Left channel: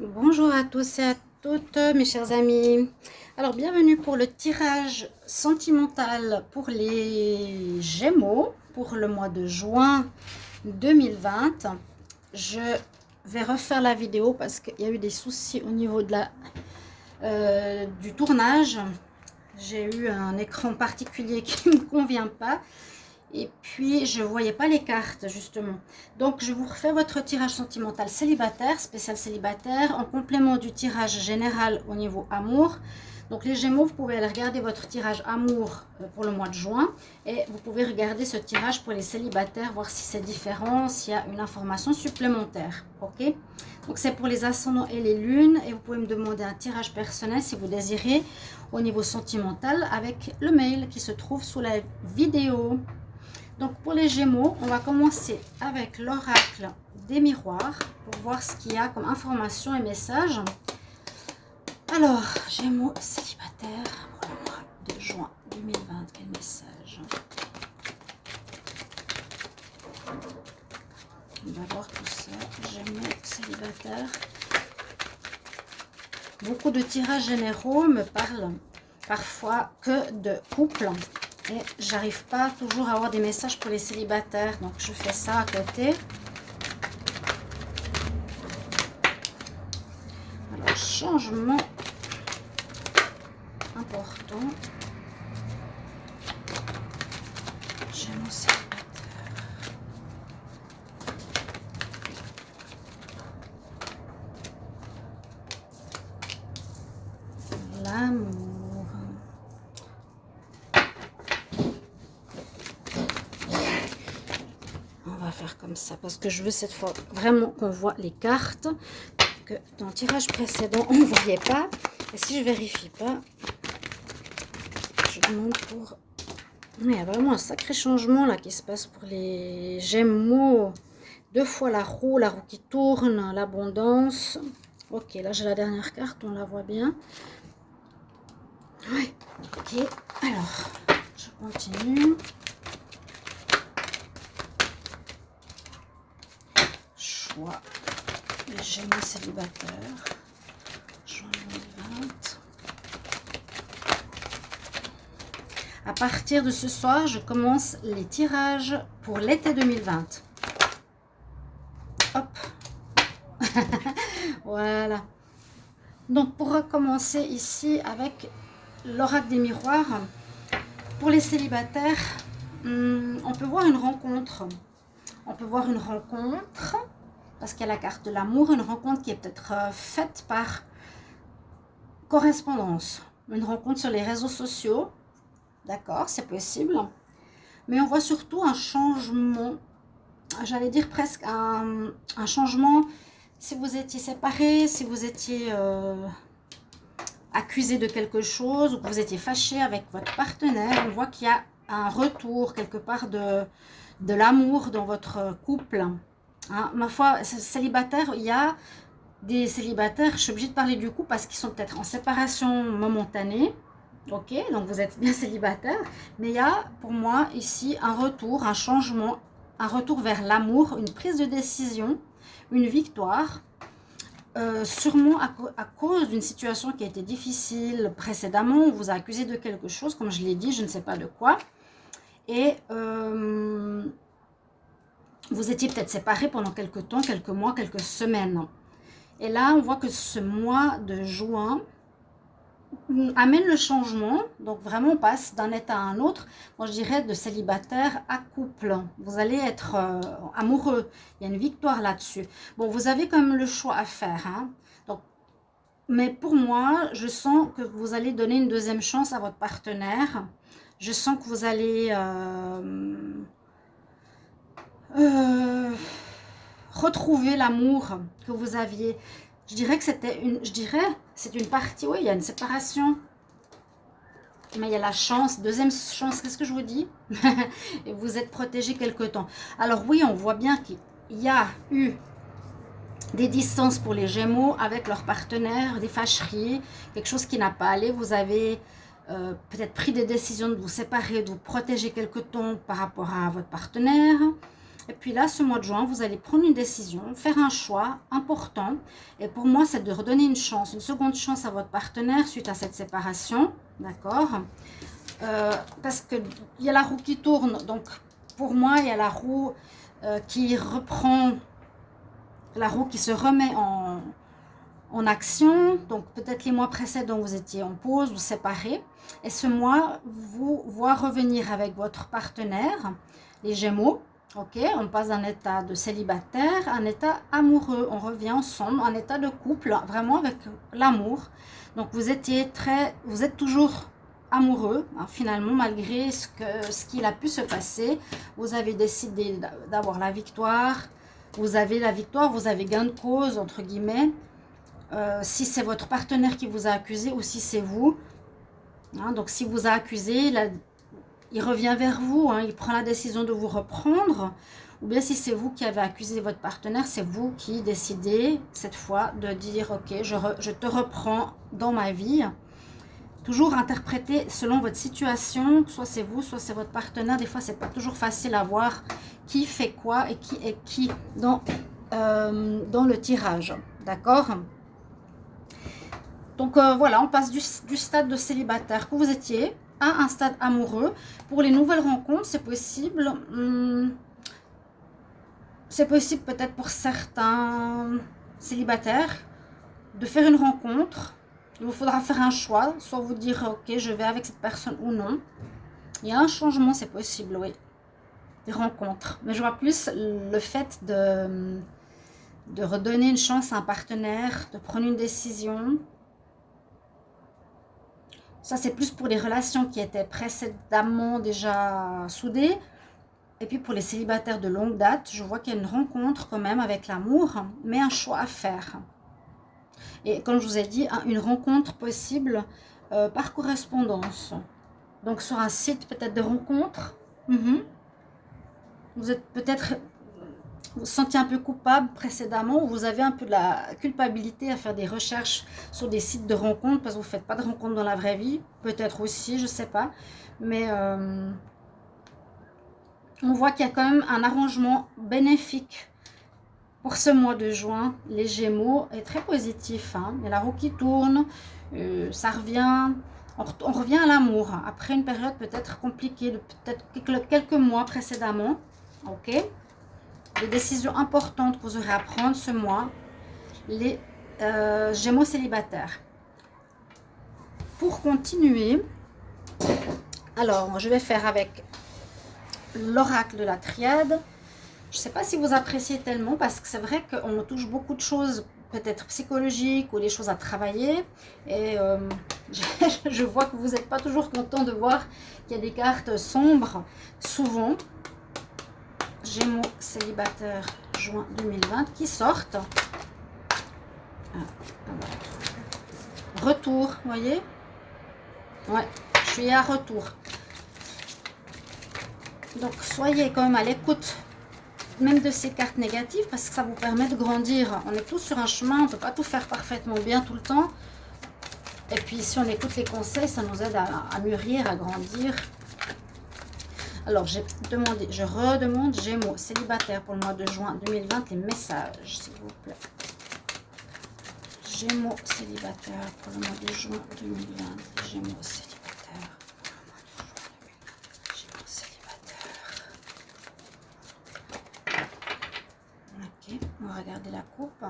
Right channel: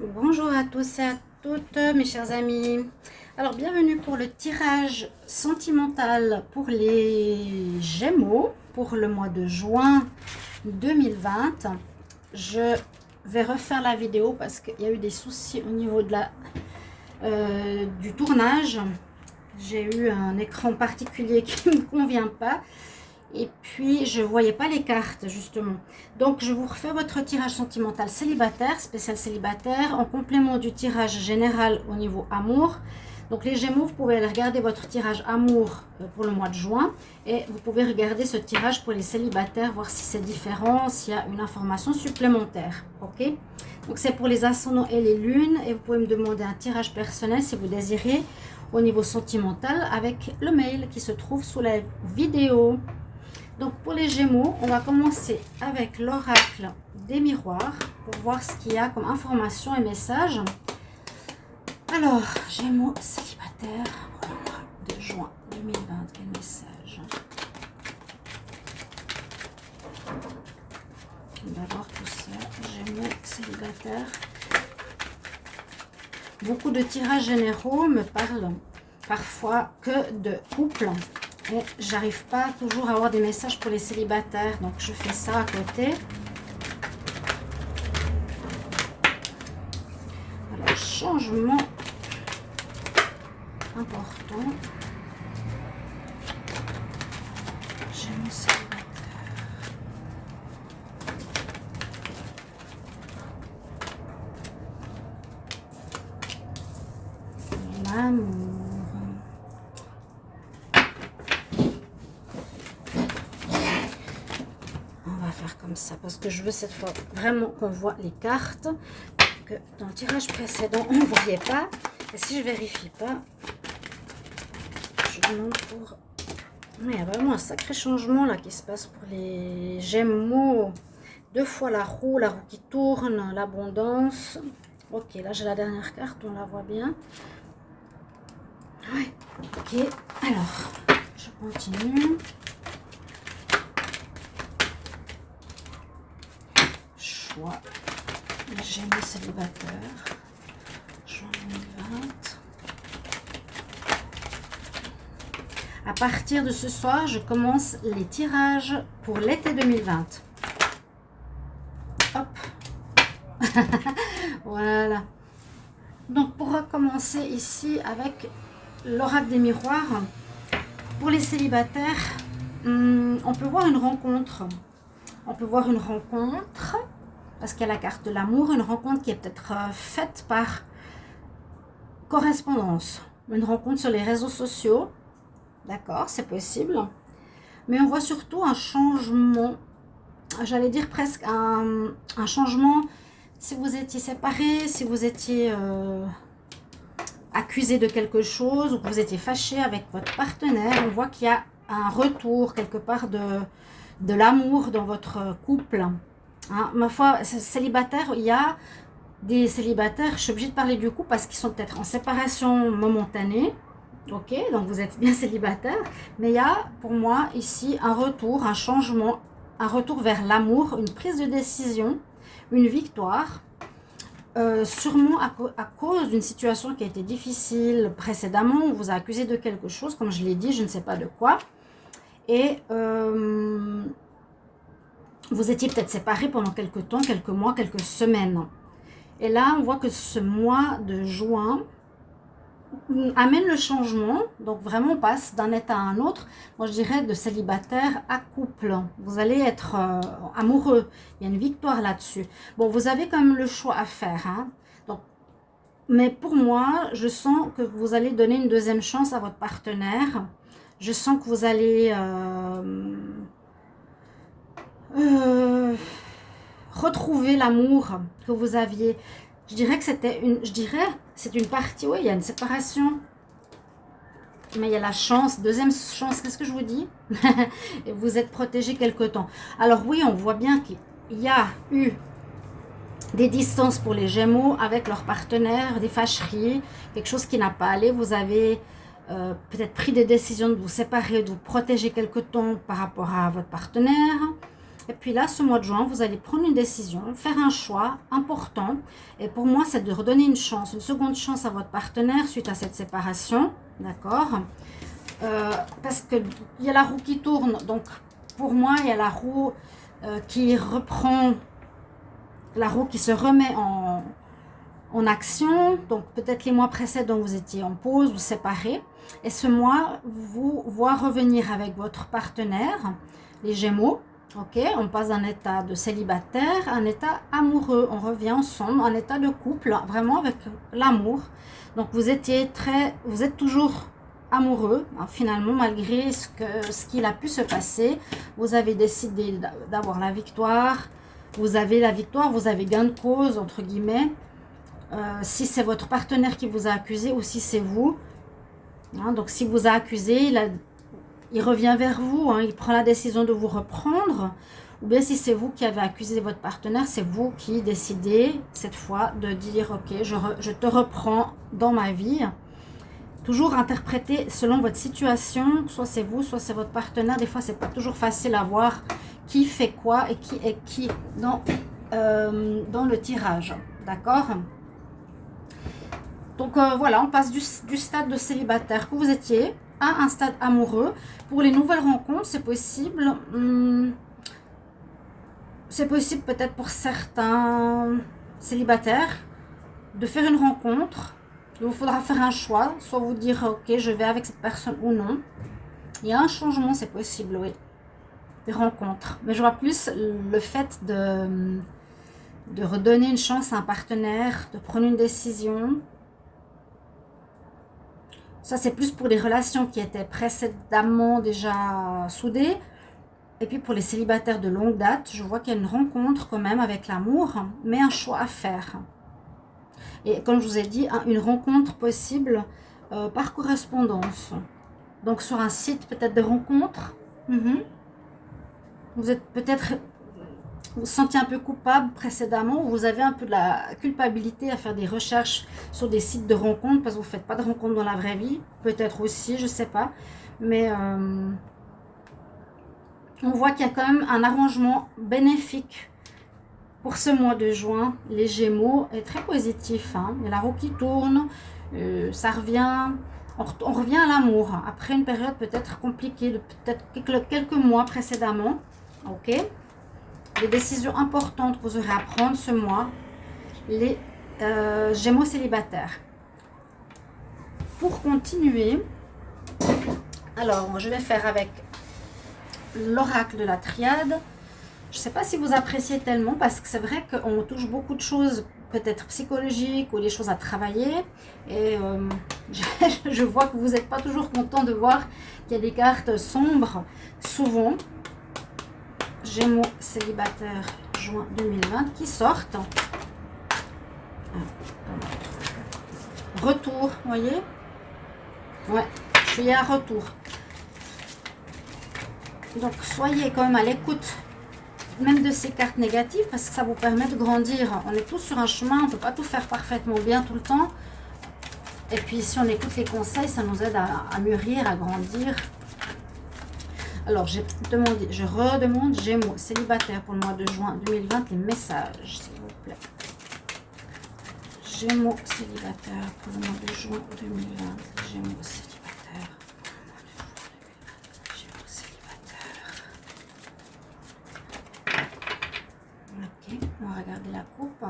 Bonjour à tous et à toutes, mes chers amis. Alors, bienvenue pour le tirage sentimental pour les Gémeaux pour le mois de juin 2020. Je vais refaire la vidéo parce qu'il y a eu des soucis au niveau de du tournage. J'ai eu un écran particulier qui ne me convient pas. Et puis, je ne voyais pas les cartes, justement. Donc, je vous refais votre tirage sentimental célibataire, spécial célibataire, en complément du tirage général au niveau amour. Donc, les Gémeaux, vous pouvez aller regarder votre tirage amour pour le mois de juin. Et vous pouvez regarder ce tirage pour les célibataires, voir si c'est différent, s'il y a une information supplémentaire. Ok? Donc, c'est pour les ascendants et les lunes. Et vous pouvez me demander un tirage personnel si vous désirez au niveau sentimental avec le mail qui se trouve sous la vidéo. Donc pour les Gémeaux, on va commencer avec l'oracle des miroirs pour voir ce qu'il y a comme information et message. Alors, Gémeaux célibataire pour le mois de juin 2020, quel message? On va voir tout ça. Gémeaux célibataire. Beaucoup de tirages généraux me parlent parfois que de couple. Et j'arrive pas toujours à avoir des messages pour les célibataires, donc je fais ça à côté. Alors, changement important. Gémeaux célibataire. L'amour. On va faire comme ça parce que je veux cette fois vraiment qu'on voit les cartes que dans le tirage précédent on ne voyait pas. Et si je vérifie pas, je demande pour... Mais il y a vraiment un sacré changement là qui se passe pour les Gémeaux. Deux fois la roue qui tourne, l'abondance. Ok, là j'ai la dernière carte, on la voit bien. Ouais, ok, alors je continue. Choix, les Gémeaux célibataires, juin 2020. À partir de ce soir, je commence les tirages pour l'été 2020. Hop. Voilà. Donc, pour recommencer ici avec l'oracle des miroirs, pour les célibataires, on peut voir une rencontre. On peut voir une rencontre, parce qu'il y a la carte de l'amour, une rencontre qui est peut-être faite par correspondance. Une rencontre sur les réseaux sociaux. D'accord, c'est possible. Mais on voit surtout un changement, j'allais dire presque un changement, si vous étiez séparés, si vous étiez accusé de quelque chose, ou que vous étiez fâché avec votre partenaire, on voit qu'il y a un retour quelque part de l'amour dans votre couple. Hein, ma foi, célibataire, il y a des célibataires, je suis obligée de parler du coup parce qu'ils sont peut-être en séparation momentanée. Ok, donc vous êtes bien célibataire, mais il y a pour moi ici un retour, un changement, un retour vers l'amour, une prise de décision, une victoire, sûrement à cause d'une situation qui a été difficile précédemment. On vous a accusé de quelque chose, comme je l'ai dit, je ne sais pas de quoi, et vous étiez peut-être séparés pendant quelques temps, quelques mois, quelques semaines. Et là, on voit que ce mois de juin amène le changement. Donc vraiment, on passe d'un état à un autre. Moi, je dirais de célibataire à couple. Vous allez être amoureux. Il y a une victoire là-dessus. Bon, vous avez quand même le choix à faire. Hein. Donc, mais pour moi, je sens que vous allez donner une deuxième chance à votre partenaire. Je sens que vous allez... retrouver l'amour que vous aviez. Je dirais que c'est une partie, oui, il y a une séparation, mais il y a la chance, deuxième chance, qu'est-ce que je vous dis? Et vous êtes protégé quelque temps. Alors oui, on voit bien qu'il y a eu des distances pour les Gémeaux avec leur partenaire, des fâcheries, quelque chose qui n'a pas allé. Vous avez peut-être pris des décisions de vous séparer, de vous protéger quelque temps par rapport à votre partenaire. Et puis là, ce mois de juin, vous allez prendre une décision, faire un choix important. Et pour moi, c'est de redonner une chance, une seconde chance à votre partenaire suite à cette séparation. D'accord? Parce qu'il y a la roue qui tourne. Donc, pour moi, il y a la roue qui reprend, la roue qui se remet en action. Donc, peut-être les mois précédents, vous étiez en pause ou séparés. Et ce mois, vous voit revenir avec votre partenaire, les Gémeaux. Ok, on passe d'un état de célibataire à un état amoureux. On revient ensemble, un état de couple, vraiment avec l'amour. Donc, vous êtes toujours amoureux, hein, finalement, malgré ce qu'il a pu se passer. Vous avez décidé d'avoir la victoire. Vous avez la victoire, vous avez gain de cause, entre guillemets. Si c'est votre partenaire qui vous a accusé ou si c'est vous. Hein, donc, s'il vous a accusé, il revient vers vous, hein, il prend la décision de vous reprendre. Ou bien si c'est vous qui avez accusé votre partenaire, c'est vous qui décidez cette fois de dire « Ok, je te reprends dans ma vie ». Toujours interpréter selon votre situation, soit c'est vous, soit c'est votre partenaire. Des fois, c'est pas toujours facile à voir qui fait quoi et qui est qui dans le tirage. D'accord ? Donc voilà, on passe du stade de célibataire que vous étiez à un stade amoureux. Pour les nouvelles rencontres, c'est possible. C'est possible peut-être pour certains célibataires de faire une rencontre. Il vous faudra faire un choix, soit vous dire ok, je vais avec cette personne ou non. Il y a un changement, c'est possible, oui. Des rencontres. Mais je vois plus le fait de redonner une chance à un partenaire, de prendre une décision. Ça, c'est plus pour les relations qui étaient précédemment déjà soudées. Et puis pour les célibataires de longue date, je vois qu'il y a une rencontre quand même avec l'amour, mais un choix à faire. Et comme je vous ai dit, une rencontre possible par correspondance. Donc sur un site peut-être de rencontre. Vous êtes peut-être, vous vous sentiez un peu coupable précédemment, ou vous avez un peu de la culpabilité à faire des recherches sur des sites de rencontres parce que vous ne faites pas de rencontres dans la vraie vie. Peut-être aussi, je ne sais pas. Mais on voit qu'il y a quand même un arrangement bénéfique pour ce mois de juin. Les Gémeaux est très positif. Hein. Il y a la roue qui tourne, ça revient, on revient à l'amour. Après une période peut-être compliquée, peut-être quelques mois précédemment. Ok. Les décisions importantes que vous aurez à prendre ce mois, les Gémeaux célibataires. Pour continuer, alors je vais faire avec l'oracle de la triade. Je ne sais pas si vous appréciez tellement parce que c'est vrai qu'on touche beaucoup de choses peut-être psychologiques ou des choses à travailler. Et je vois que vous n'êtes pas toujours content de voir qu'il y a des cartes sombres. Souvent, Gémeaux célibataire juin 2020 qui sortent. Retour, vous voyez? Ouais, je suis à retour. Donc, soyez quand même à l'écoute même de ces cartes négatives parce que ça vous permet de grandir. On est tous sur un chemin, on ne peut pas tout faire parfaitement bien tout le temps. Et puis, si on écoute les conseils, ça nous aide à mûrir, à grandir. Alors, je redemande Gémeaux célibataire pour le mois de juin 2020, les messages, s'il vous plaît. Gémeaux célibataire pour le mois de juin 2020, Gémeaux célibataire. Gémeaux célibataire. Ok, on va regarder la coupe.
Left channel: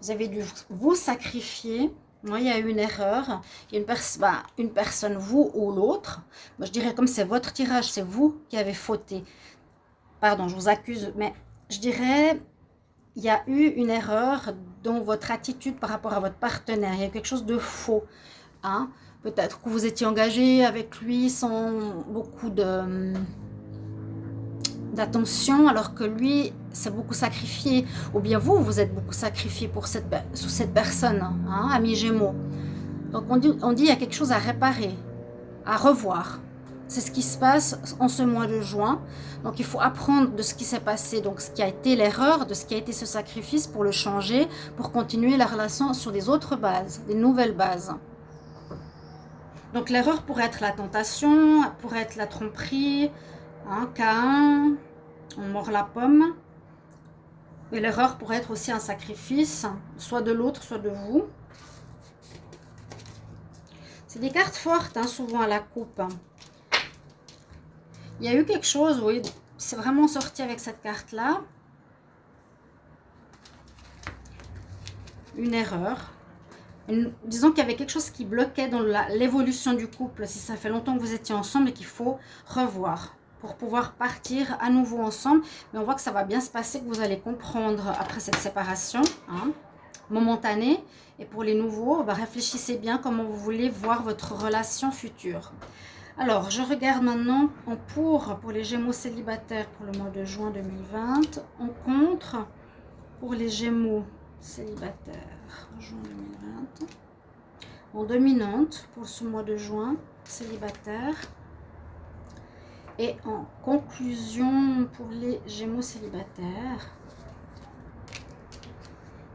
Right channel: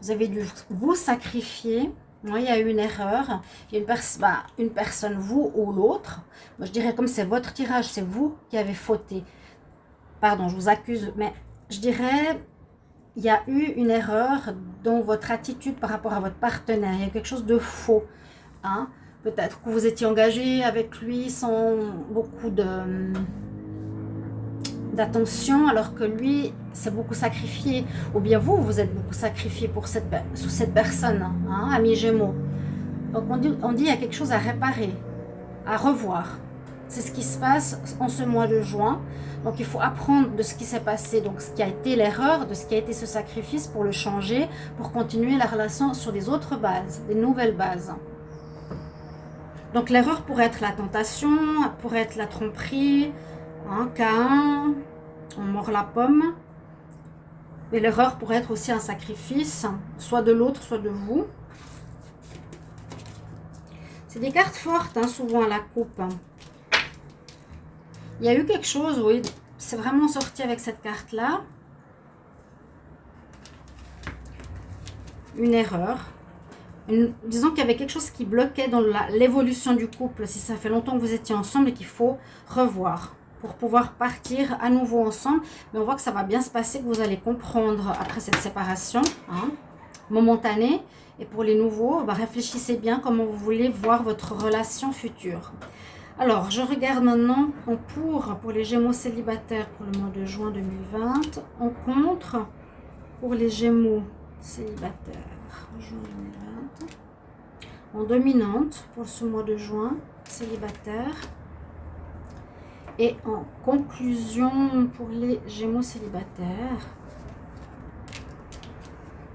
Vous avez dû vous sacrifier. Moi, il y a eu une erreur. Il y a une personne, vous ou l'autre. Moi, je dirais comme c'est votre tirage, c'est vous qui avez fauté. Pardon, je vous accuse, mais je dirais il y a eu une erreur dans votre attitude par rapport à votre partenaire. Il y a quelque chose de faux. Hein? Peut-être que vous étiez engagé avec lui sans beaucoup d'attention, alors que lui s'est beaucoup sacrifié, ou bien vous êtes beaucoup sacrifié pour cette personne, hein, ami Gémeaux. Donc on dit il y a quelque chose à réparer, à revoir. C'est ce qui se passe en ce mois de juin. Donc il faut apprendre de ce qui s'est passé, donc ce qui a été l'erreur, de ce qui a été ce sacrifice pour le changer, pour continuer la relation sur des autres bases, des nouvelles bases. Donc l'erreur pourrait être la tentation, pourrait être la tromperie, hein, Caïn, on mord la pomme. Et l'erreur pourrait être aussi un sacrifice, soit de l'autre, soit de vous. C'est des cartes fortes, hein, souvent à la coupe. Il y a eu quelque chose, oui, c'est vraiment sorti avec cette carte-là. Une erreur. Disons qu'il y avait quelque chose qui bloquait dans l'évolution du couple, si ça fait longtemps que vous étiez ensemble et qu'il faut revoir pour pouvoir partir à nouveau ensemble. Mais on voit que ça va bien se passer, que vous allez comprendre après cette séparation, hein, momentanée. Et pour les nouveaux, bah, réfléchissez bien comment vous voulez voir votre relation future. Alors, je regarde maintenant en pour les Gémeaux célibataires pour le mois de juin 2020, en contre pour les Gémeaux célibataires juin 2020, en dominante pour ce mois de juin célibataire, et en conclusion pour les Gémeaux célibataires.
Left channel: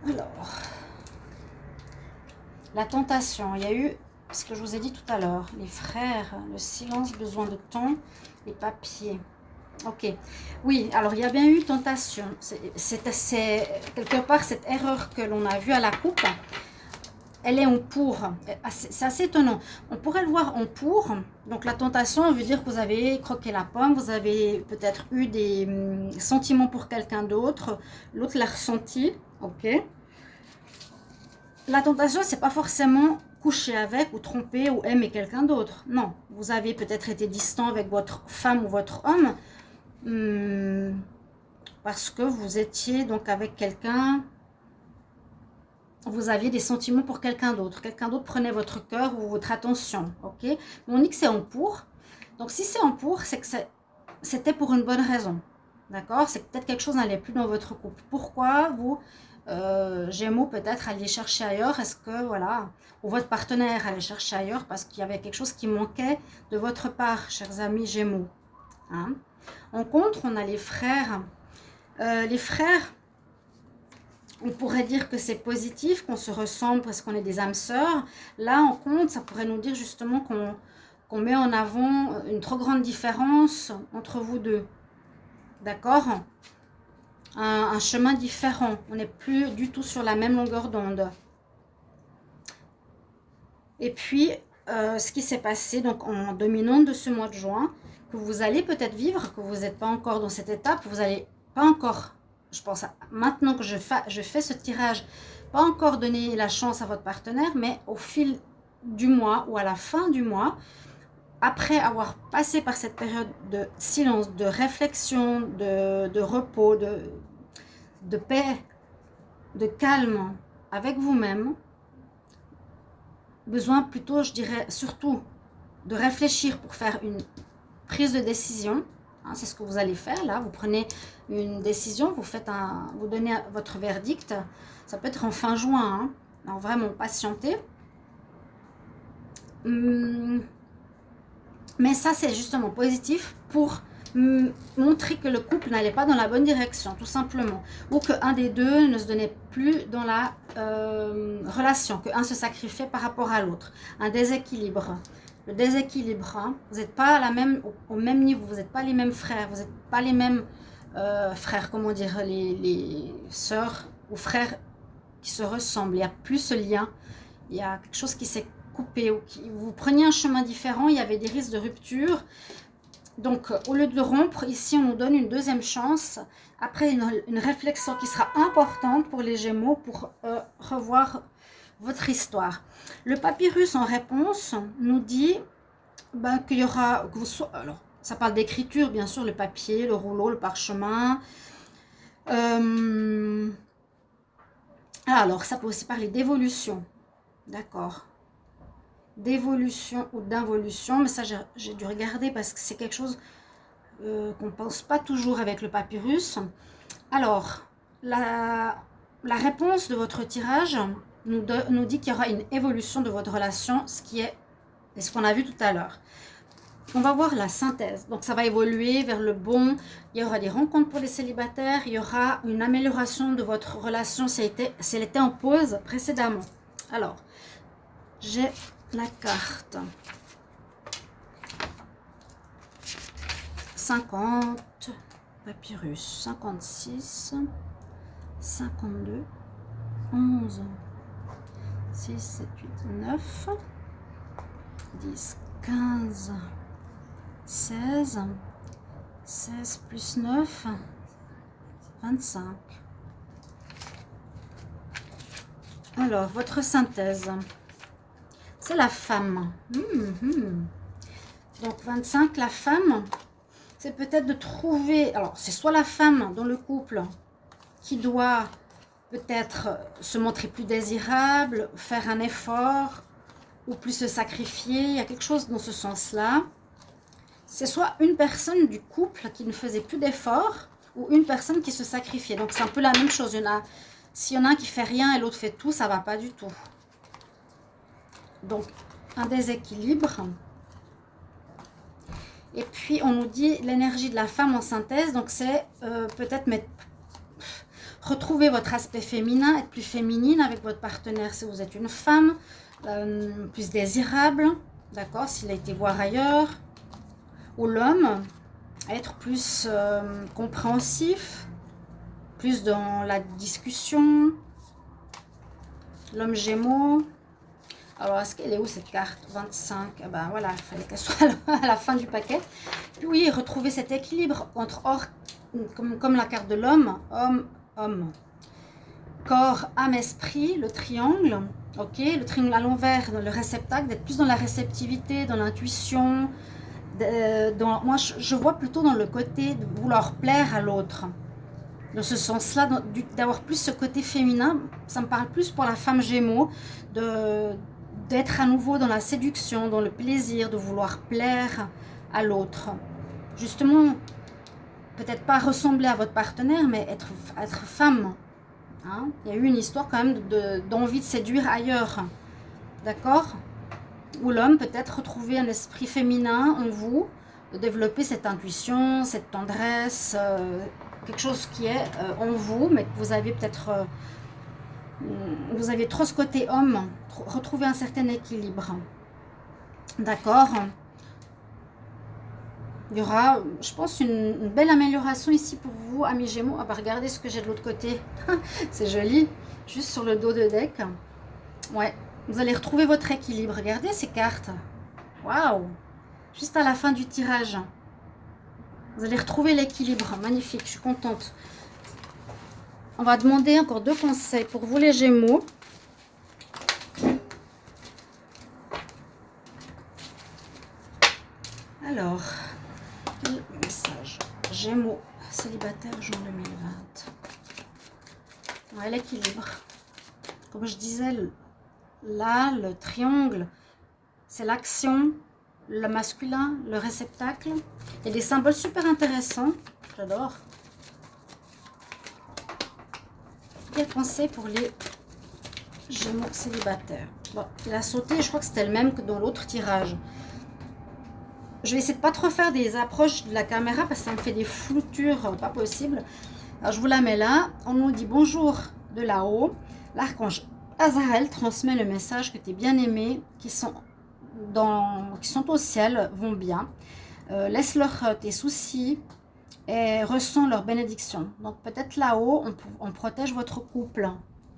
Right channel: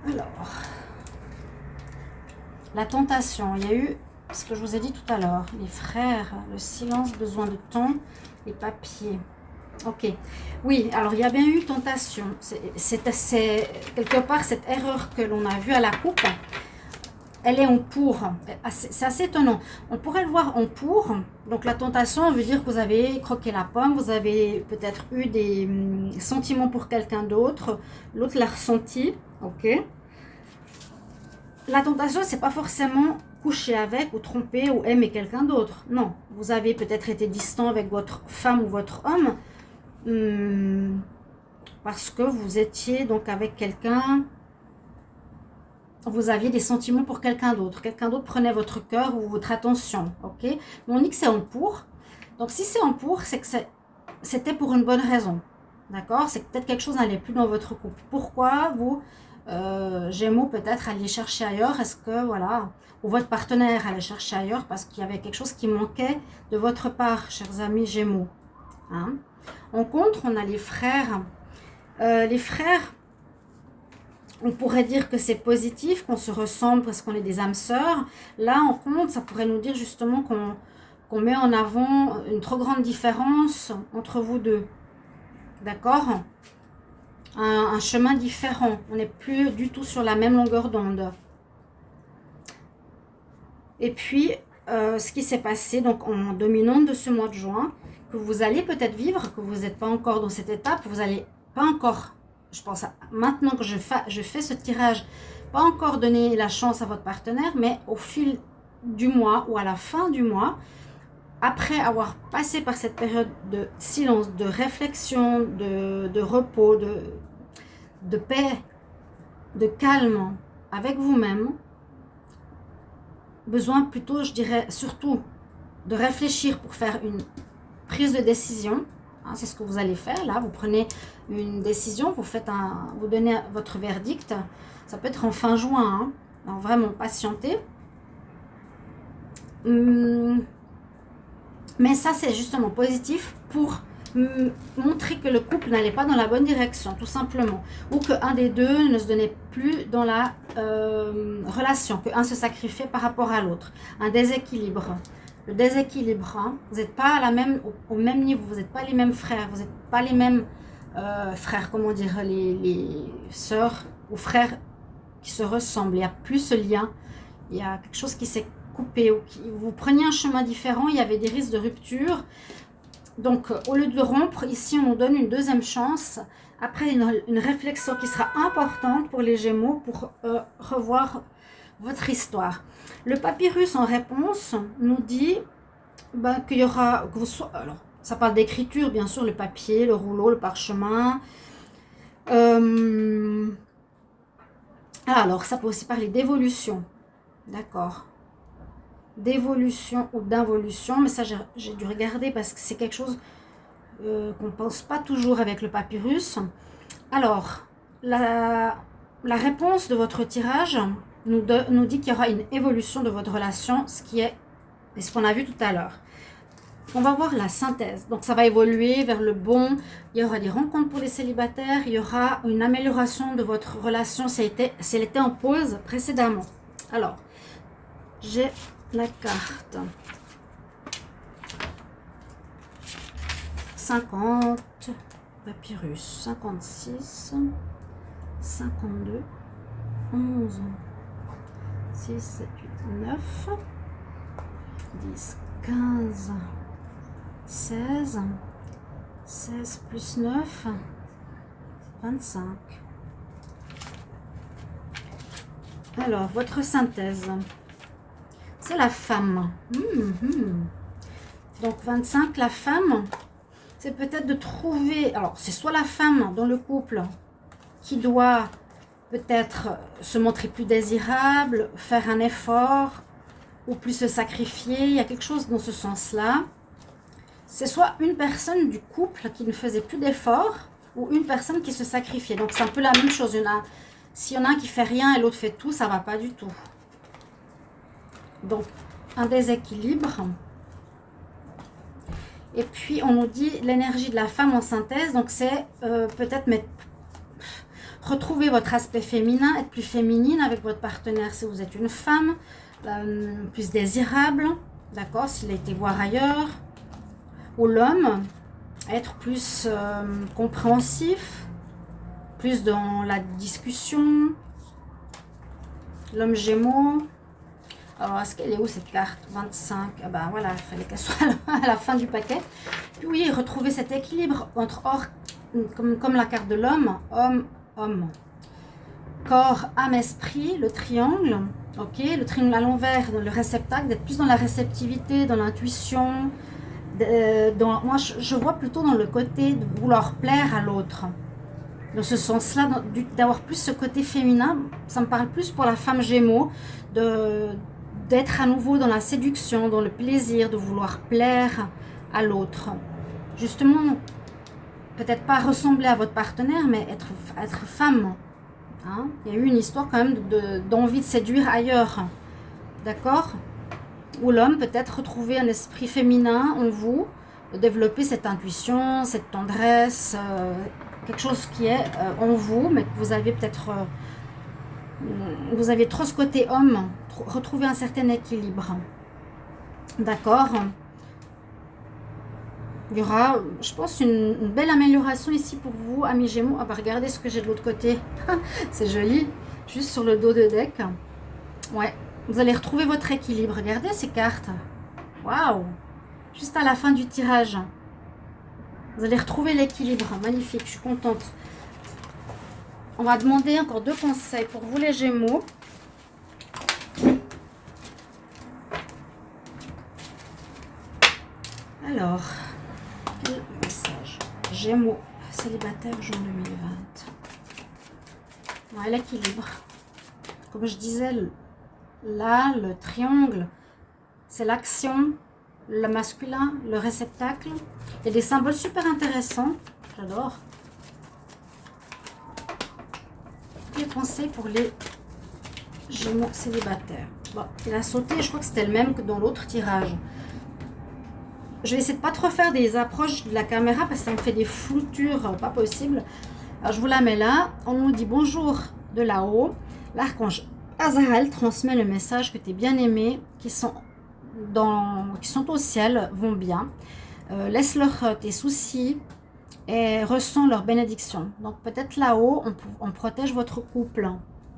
Alors, la tentation, il y a eu ce que je vous ai dit tout à l'heure, les frères, le silence, besoin de temps, les papiers. Ok, oui, alors il y a bien eu tentation. C'est quelque part cette erreur que l'on a vue à la coupe. Elle est en pour. C'est assez étonnant. On pourrait le voir en pour. Donc la tentation veut dire que vous avez croqué la pomme, vous avez peut-être eu des sentiments pour quelqu'un d'autre. L'autre l'a ressenti. Ok. La tentation, c'est pas forcément coucher avec ou tromper ou aimer quelqu'un d'autre. Non, vous avez peut-être été distant avec votre femme ou votre homme. Parce que vous étiez donc avec quelqu'un, vous aviez des sentiments pour quelqu'un d'autre prenait votre cœur ou votre attention, ok. Mais on dit que c'est en pour, donc si c'est en pour, c'est que c'était pour une bonne raison, d'accord. C'est que peut-être quelque chose n'allait plus dans votre couple. Pourquoi vous, Gémeaux, peut-être alliez chercher ailleurs? Est-ce que, voilà, ou votre partenaire allait chercher ailleurs parce qu'il y avait quelque chose qui manquait de votre part, chers amis Gémeaux, hein. En contre, on a les frères. Les frères, on pourrait dire que c'est positif, qu'on se ressemble parce qu'on est des âmes sœurs. Là, en contre, ça pourrait nous dire justement qu'on met en avant une trop grande différence entre vous deux. D'accord? Un chemin différent. On n'est plus du tout sur la même longueur d'onde. Et puis, ce qui s'est passé donc en dominante de ce mois de juin, que vous allez peut-être vivre, que vous n'êtes pas encore dans cette étape, vous n'allez pas encore, je pense, maintenant que je fais ce tirage, pas encore donner la chance à votre partenaire, mais au fil du mois ou à la fin du mois, après avoir passé par cette période de silence, de réflexion, de repos, de paix, de calme avec vous-même, besoin plutôt, je dirais, surtout de réfléchir pour faire une prise de décision, hein, c'est ce que vous allez faire là. Vous prenez une décision, vous donnez votre verdict. Ça peut être en fin juin, hein, donc vraiment patienter. Mais ça, c'est justement positif pour montrer que le couple n'allait pas dans la bonne direction, tout simplement, ou qu'un des deux ne se donnait plus dans la relation, qu'un se sacrifiait par rapport à l'autre, un déséquilibre. Le déséquilibre, hein, vous n'êtes pas au même niveau, vous n'êtes pas les mêmes frères, vous n'êtes pas les mêmes frères, comment dire, les sœurs ou frères qui se ressemblent. Il n'y a plus ce lien, il y a quelque chose qui s'est coupé, ou vous preniez un chemin différent, il y avait des risques de rupture. Donc, au lieu de rompre, ici, on nous donne une deuxième chance, après une réflexion qui sera importante pour les Gémeaux, pour revoir votre histoire. Le papyrus en réponse nous dit qu'il y aura, alors ça parle d'écriture bien sûr, le papier, le rouleau, le parchemin. Alors ça peut aussi parler d'évolution, d'accord, d'évolution ou d'involution, mais ça j'ai dû regarder parce que c'est quelque chose qu'on ne pense pas toujours avec le papyrus. Alors la réponse de votre tirage nous dit qu'il y aura une évolution de votre relation, ce qu'on a vu tout à l'heure. On va voir la synthèse. Donc ça va évoluer vers le bon. Il y aura des rencontres pour les célibataires. Il y aura une amélioration de votre relation si elle était en pause précédemment. Alors, j'ai la carte 50, papyrus, 56, 52, 11, 6, 7, 8, 9, 10, 15, 16, 16 plus 9, 25. Alors, votre synthèse, c'est la femme. Donc, 25, la femme, c'est peut-être de trouver... Alors, c'est soit la femme dans le couple qui doit peut-être se montrer plus désirable, faire un effort ou plus se sacrifier. Il y a quelque chose dans ce sens-là. C'est soit une personne du couple qui ne faisait plus d'efforts ou une personne qui se sacrifiait. Donc, c'est un peu la même chose. S'il y en a un qui fait rien et l'autre fait tout, ça ne va pas du tout. Donc, un déséquilibre. Et puis, on nous dit l'énergie de la femme en synthèse. Donc, c'est peut-être retrouver votre aspect féminin, être plus féminine avec votre partenaire si vous êtes une femme, plus désirable, d'accord, s'il a été voir ailleurs. Ou l'homme, être plus compréhensif, plus dans la discussion. L'homme Gémeaux. Alors, est-ce qu'elle est où cette carte? 25. Ah ben voilà, il fallait qu'elle soit à la fin du paquet. Puis oui, retrouver cet équilibre entre comme la carte de l'homme, homme, corps, âme, esprit, le triangle. Ok, le triangle à l'envers, dans le réceptacle, d'être plus dans la réceptivité, dans l'intuition. Moi, je vois plutôt dans le côté de vouloir plaire à l'autre. Dans ce sens-là, d'avoir plus ce côté féminin, ça me parle plus pour la femme Gémeaux, d'être à nouveau dans la séduction, dans le plaisir, de vouloir plaire à l'autre. Justement, peut-être pas ressembler à votre partenaire, mais être femme. Hein? Il y a eu une histoire quand même d'envie de séduire ailleurs. D'accord? Ou l'homme peut-être retrouver un esprit féminin en vous, de développer cette intuition, cette tendresse, quelque chose qui est en vous, mais que vous avez peut-être... vous avez trop ce côté homme, retrouver un certain équilibre. D'accord? Il y aura, je pense, une belle amélioration ici pour vous, amis Gémeaux. Ah bah regardez ce que j'ai de l'autre côté. C'est joli. Juste sur le dos de deck. Ouais. Vous allez retrouver votre équilibre. Regardez ces cartes. Waouh! Juste à la fin du tirage. Vous allez retrouver l'équilibre. Magnifique, je suis contente. On va demander encore 2 conseils pour vous les Gémeaux. Alors, quel message? Gémeaux, célibataire, juin 2020. Ouais, l'équilibre. Comme je disais, là, le triangle, c'est l'action, le masculin, le réceptacle. Il y a des symboles super intéressants. J'adore. Quel conseil pour les Gémeaux célibataires? Bon, il a sauté, je crois que c'était le même que dans l'autre tirage. Je vais essayer de pas trop faire des approches de la caméra parce que ça me fait des floutures pas possibles. Alors, je vous la mets là. On nous dit bonjour de là-haut. L'archange Azraël transmet le message que tes bien-aimés qui sont au ciel vont bien. Laisse-leur tes soucis et ressens leur bénédiction. Donc peut-être là-haut, on protège votre couple.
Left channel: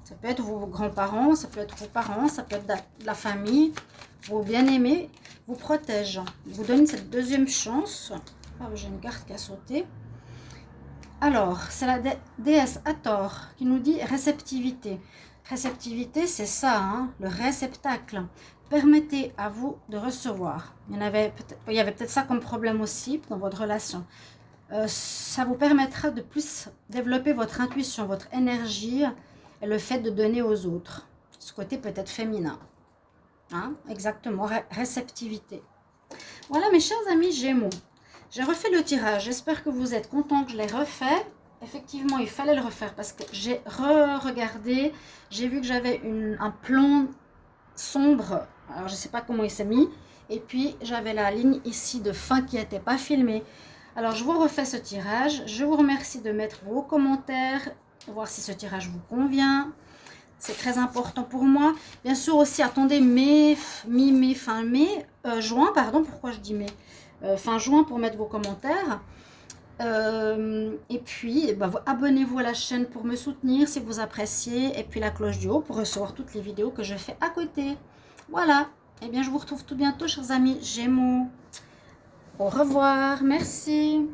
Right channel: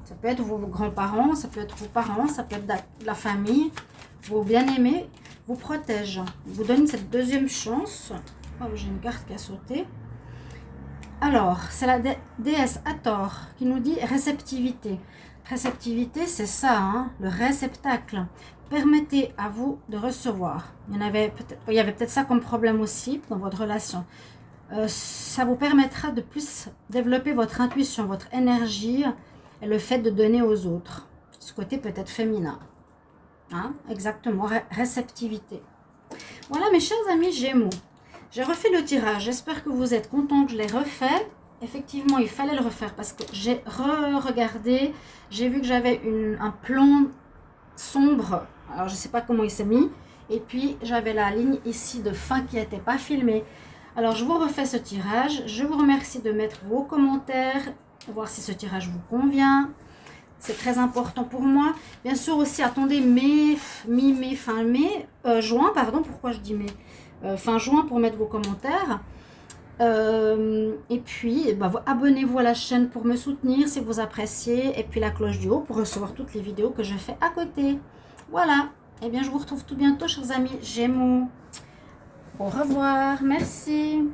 Ça peut être vos grands-parents, ça peut être vos parents, ça peut être la famille. Vos bien-aimés vous protègent. Vous donnent cette deuxième chance. Oh, j'ai une carte qui a sauté. Alors, c'est la déesse Hathor qui nous dit réceptivité. Réceptivité, c'est ça, hein, le réceptacle. Permettez à vous de recevoir. Il y avait peut-être ça comme problème aussi dans votre relation. Ça vous permettra de plus développer votre intuition, votre énergie et le fait de donner aux autres. Ce côté peut-être féminin. Hein, exactement, réceptivité. Voilà mes chers amis Gémeaux. J'ai refait le tirage. J'espère que vous êtes contents que je l'ai refait. Effectivement, il fallait le refaire parce que j'ai regardé. J'ai vu que j'avais un plan sombre. Alors, je ne sais pas comment il s'est mis. Et puis, j'avais la ligne ici de fin qui n'était pas filmée. Alors, je vous refais ce tirage. Je vous remercie de mettre vos commentaires, voir si ce tirage vous convient. C'est très important pour moi. Bien sûr aussi, attendez fin mai, juin, pardon, pourquoi je dis mai, fin juin pour mettre vos commentaires. Et puis, bah, abonnez-vous à la chaîne pour me soutenir si vous appréciez. Et puis la cloche du haut pour recevoir toutes les vidéos que je fais à côté. Voilà. Et bien, je vous retrouve tout bientôt, chers amis Gémeaux. Au revoir. Merci.